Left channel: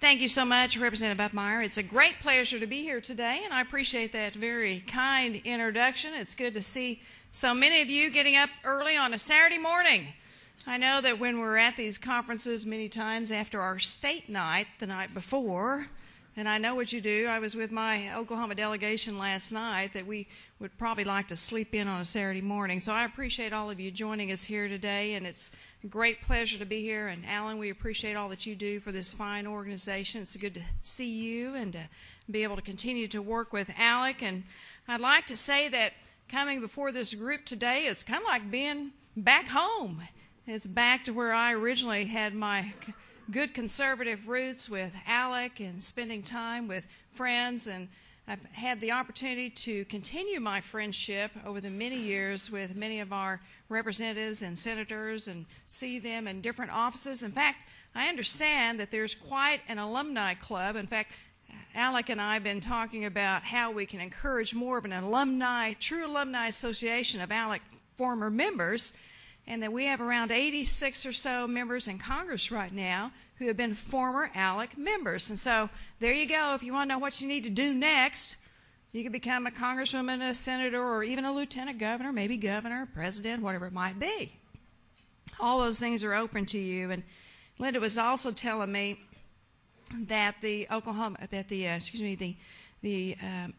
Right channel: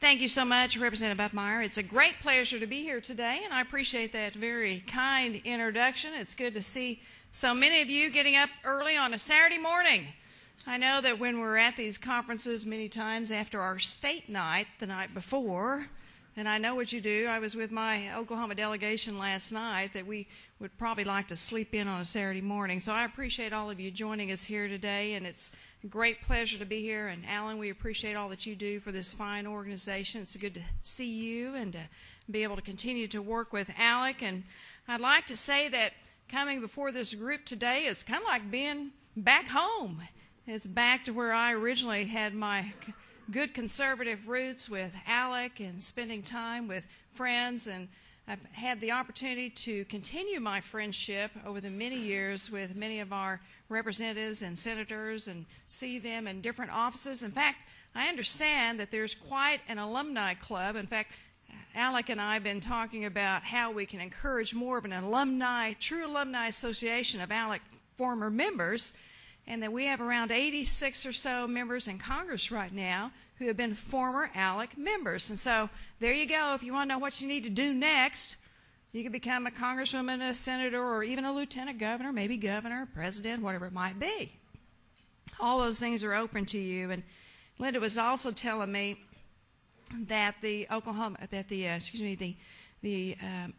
Thank you so much, Representative Buckmeyer. It's a great pleasure to be here today, and I appreciate that very kind introduction. It's good to see so many of you getting up early on a Saturday morning. I know that when we're at these conferences many times after our state night the night before, and I know what you do. I was with my Oklahoma delegation last night that we would probably like to sleep in on a Saturday morning. So I appreciate all of you joining us here today, and it's a great pleasure to be here. And Alan, we appreciate all that you do for this fine organization. It's good to see you and to be able to continue to work with ALEC. And I'd like to say that coming before this group today is kind of like being back home. It's back to where I originally had my good conservative roots with ALEC and spending time with friends, and I've had the opportunity to continue my friendship over the many years with many of our representatives and senators and see them in different offices. In fact, I understand that there's quite an alumni club. In fact, ALEC and I have been talking about how we can encourage more of an true alumni association of ALEC former members, and that we have around 86 or so members in Congress right now who have been former ALEC members. And so there you go. If you want to know what you need to do next, you can become a congresswoman, a senator, or even a lieutenant governor, maybe governor, president, whatever it might be. All those things are open to you. And Linda was also telling me that the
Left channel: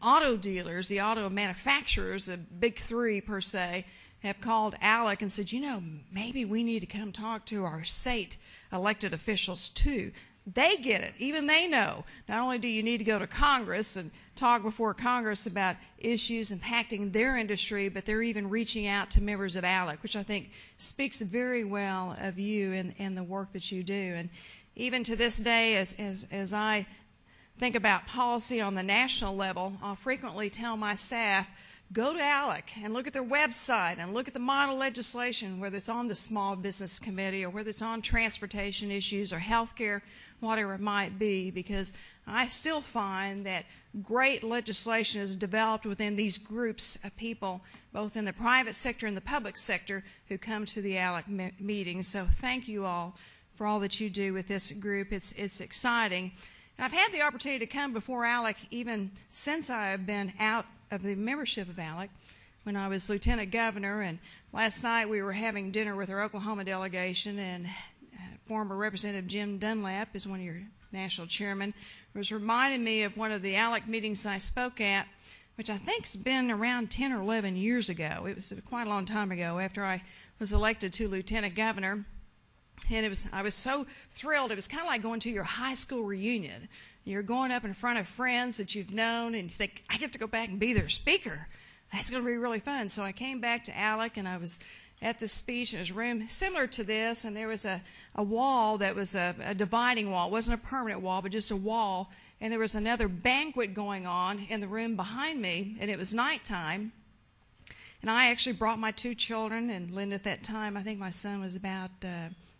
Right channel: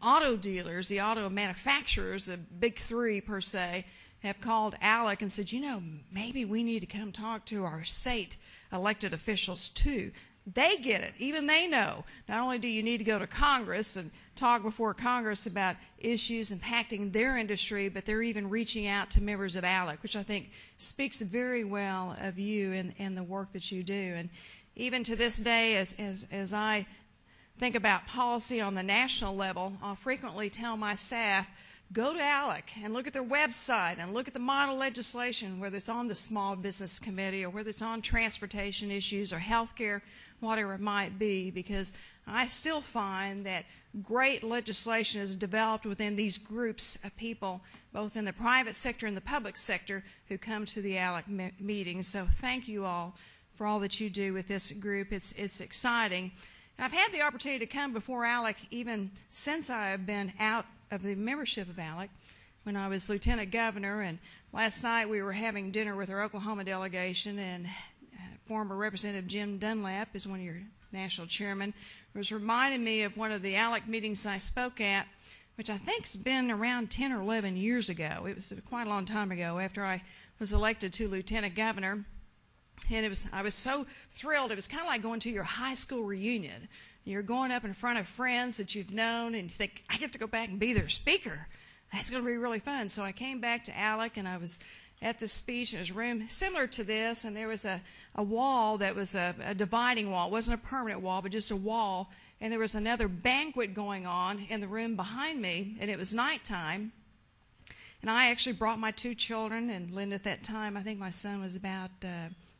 auto dealers, the auto manufacturers, the big three per se, have called ALEC and said, you know, maybe we need to come talk to our state elected officials too. They get it. Even they know. Not only do you need to go to Congress and talk before Congress about issues impacting their industry, but they're even reaching out to members of ALEC, which I think speaks very well of you and the work that you do. And even to this day, as I think about policy on the national level, I'll frequently tell my staff, go to ALEC and look at their website and look at the model legislation, whether it's on the Small Business Committee or whether it's on transportation issues or health care, whatever it might be, because I still find that great legislation is developed within these groups of people, both in the private sector and the public sector, who come to the ALEC meetings. So thank you all for all that you do with this group. It's exciting. And I've had the opportunity to come before ALEC even since I have been out of the membership of ALEC when I was lieutenant governor. And last night we were having dinner with our Oklahoma delegation, and former Representative Jim Dunlap is one of your national chairmen, was reminding me of one of the ALEC meetings I spoke at, which I think's been around 10 or 11 years ago. It was quite a long time ago after I was elected to lieutenant governor. And I was so thrilled. It was kind of like going to your high school reunion. You're going up in front of friends that you've known, and you think, I get to go back and be their speaker. That's going to be really fun. So I came back to ALEC, and I was at this speech. It was a room similar to this, and there was a wall that was a dividing wall. It wasn't a permanent wall, but just a wall. And there was another banquet going on in the room behind me, and it was nighttime. And I actually brought my two children, and Linda at that time, I think my son was about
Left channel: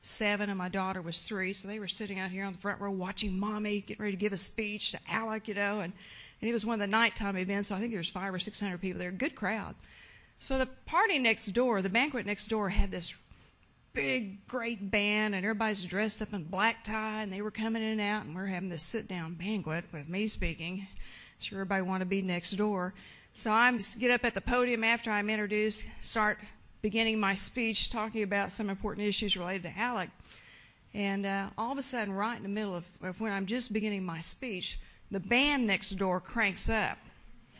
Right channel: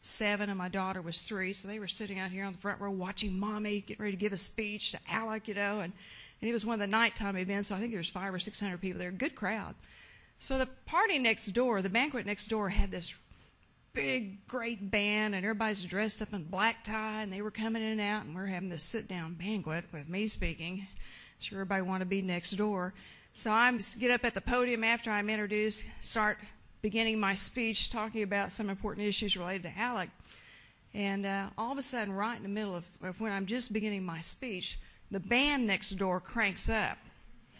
7 and my daughter was 3, so they were sitting out here on the front row watching Mommy getting ready to give a speech to ALEC, you know, and it was one of the nighttime events, so I think there was 500 or 600 people there, a good crowd. So the party next door, the banquet next door, had this big, great band, and everybody's dressed up in black tie, and they were coming in and out, and we're having this sit-down banquet with me speaking. Sure, everybody wanted to be next door. So I get up at the podium after I'm introduced, start beginning my speech talking about some important issues related to ALEC. And all of a sudden, right in the middle of when I'm just beginning my speech, the band next door cranks up.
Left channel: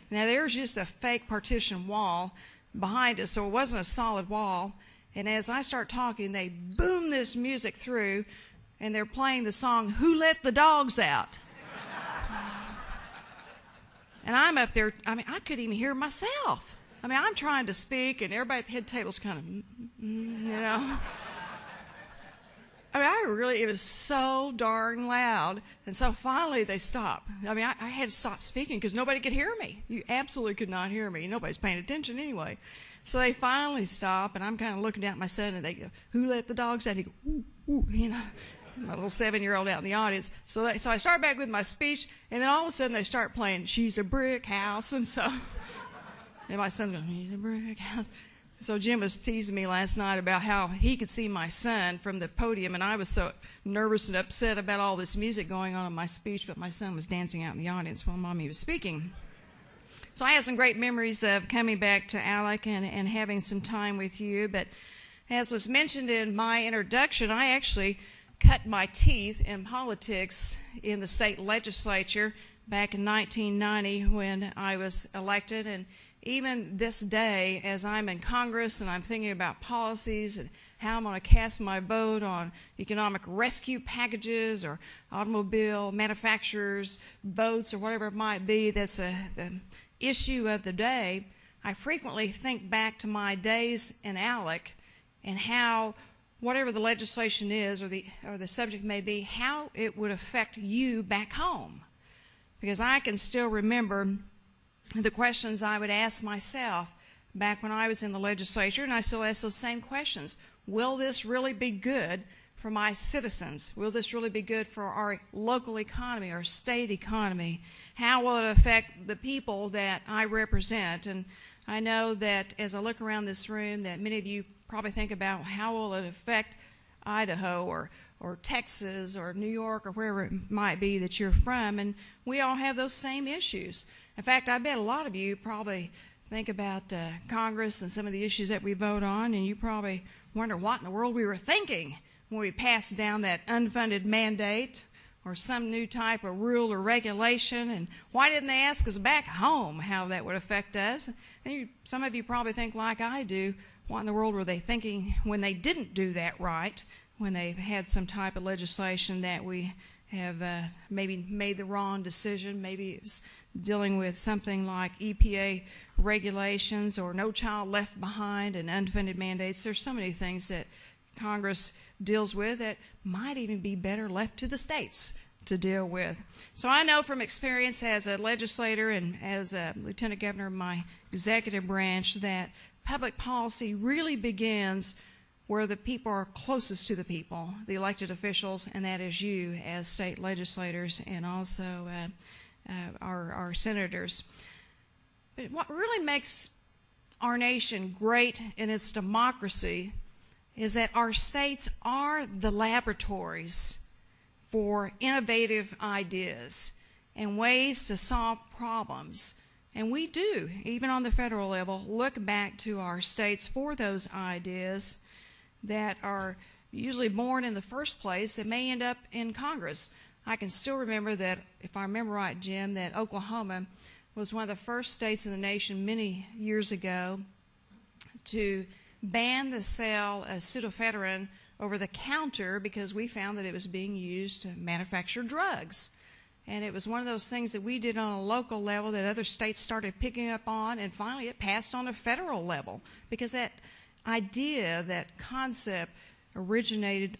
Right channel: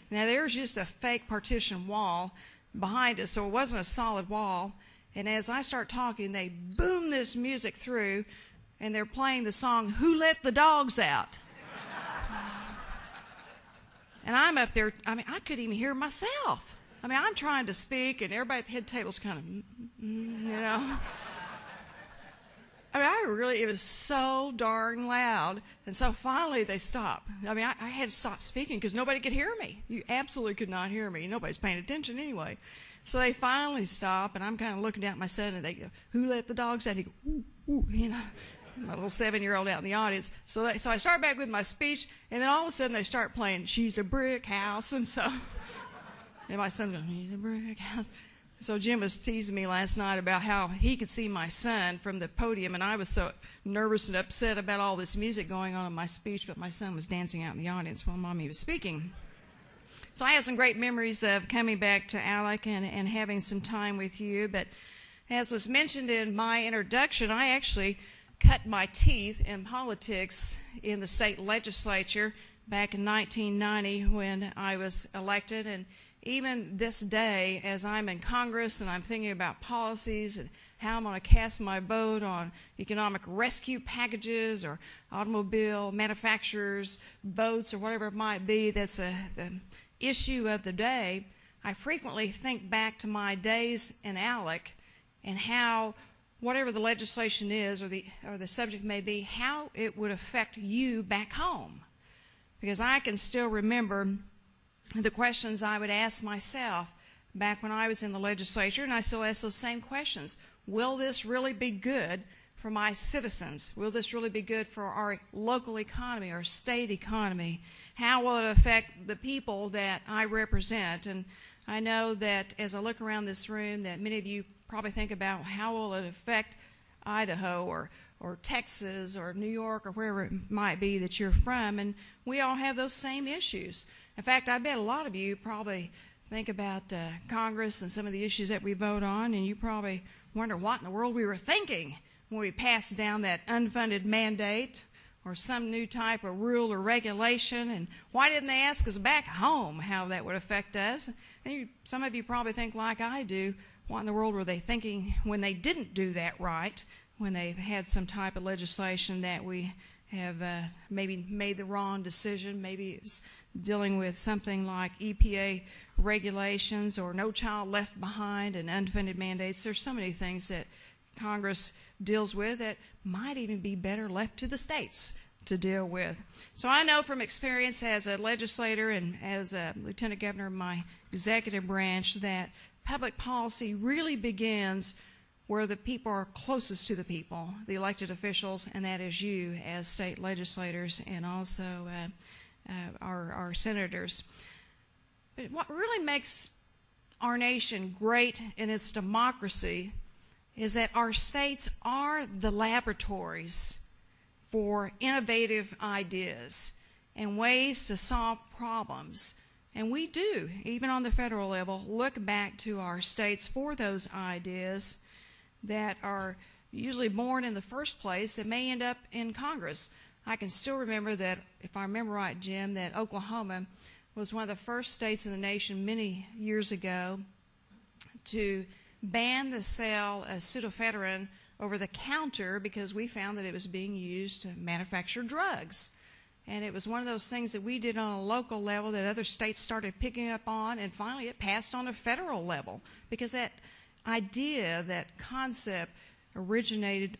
Now, there's just a fake partition wall behind us, so it wasn't a solid wall. And as I start talking, they boom this music through, and they're playing the song, Who Let the Dogs Out? And I'm up there, I couldn't even hear myself. I'm trying to speak, and everybody at the head table's kind of, you know. It was so darn loud. And so finally they stopped. I had to stop speaking because nobody could hear me. You absolutely could not hear me. Nobody's paying attention anyway. So they finally stop, and I'm kind of looking at my son, and they go, Who let the dogs out? He go, ooh, ooh, you know. My little 7-year-old out in the audience. So I start back with my speech, and then all of a sudden they start playing She's a Brick House, and so... And my son goes, She's a brick house. So Jim was teasing me last night about how he could see my son from the podium, and I was so nervous and upset about all this music going on in my speech, but my son was dancing out in the audience while Mommy was speaking. So I have some great memories of coming back to ALEC and having some time with you. But as was mentioned in my introduction, I actually cut my teeth in politics in the state legislature back in 1990 when I was elected. And even this day, as I'm in Congress and I'm thinking about policies and how I'm going to cast my vote on economic rescue packages or automobile manufacturers' votes or whatever it might be, that's the issue of the day, I frequently think back to my days in ALEC and how whatever the legislation is or the subject may be, how it would affect you back home. Because I can still remember the questions I would ask myself back when I was in the legislature, and I still ask those same questions. Will this really be good for my citizens? Will this really be good for our local economy, our state economy? How will it affect the people that I represent? And I know that as I look around this room that many of you probably think about how will it affect Idaho or Texas or New York or wherever it might be that you're from, and we all have those same issues. In fact, I bet a lot of you probably think about Congress and some of the issues that we vote on, and you probably wonder what in the world we were thinking when we passed down that unfunded mandate or some new type of rule or regulation, and why didn't they ask us back home how that would affect us? And some of you probably think like I do, what in the world were they thinking when they didn't do that right, when they had some type of legislation that we have maybe made the wrong decision, maybe it was dealing with something like EPA regulations or No Child Left Behind and unfunded mandates. There's so many things that Congress deals with that might even be better left to the states to deal with. So I know from experience as a legislator and as a lieutenant governor of my executive branch that public policy really begins where the people are closest to the people, the elected officials, and that is you as state legislators and also our senators. But what really makes our nation great in its democracy is that our states are the laboratories for innovative ideas and ways to solve problems. And we do, even on the federal level, look back to our states for those ideas that are usually born in the first place that may end up in Congress. I can still remember that, if I remember right, Jim, that Oklahoma was one of the first states in the nation many years ago to ban the sale of pseudoephedrine over the counter because we found that it was being used to manufacture drugs. And it was one of those things that we did on a local level that other states started picking up on, and finally it passed on a federal level because that idea, that concept originated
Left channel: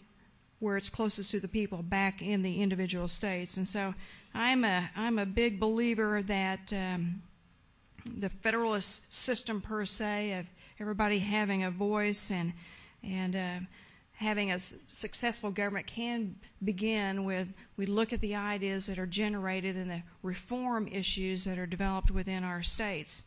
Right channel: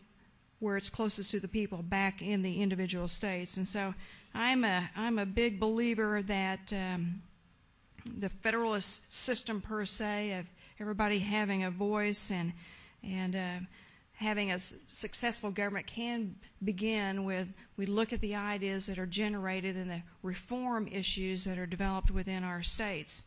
where it's closest to the people back in the individual states. And so I'm a big believer that the federalist system per se of everybody having a voice and having a successful government can begin with we look at the ideas that are generated and the reform issues that are developed within our states.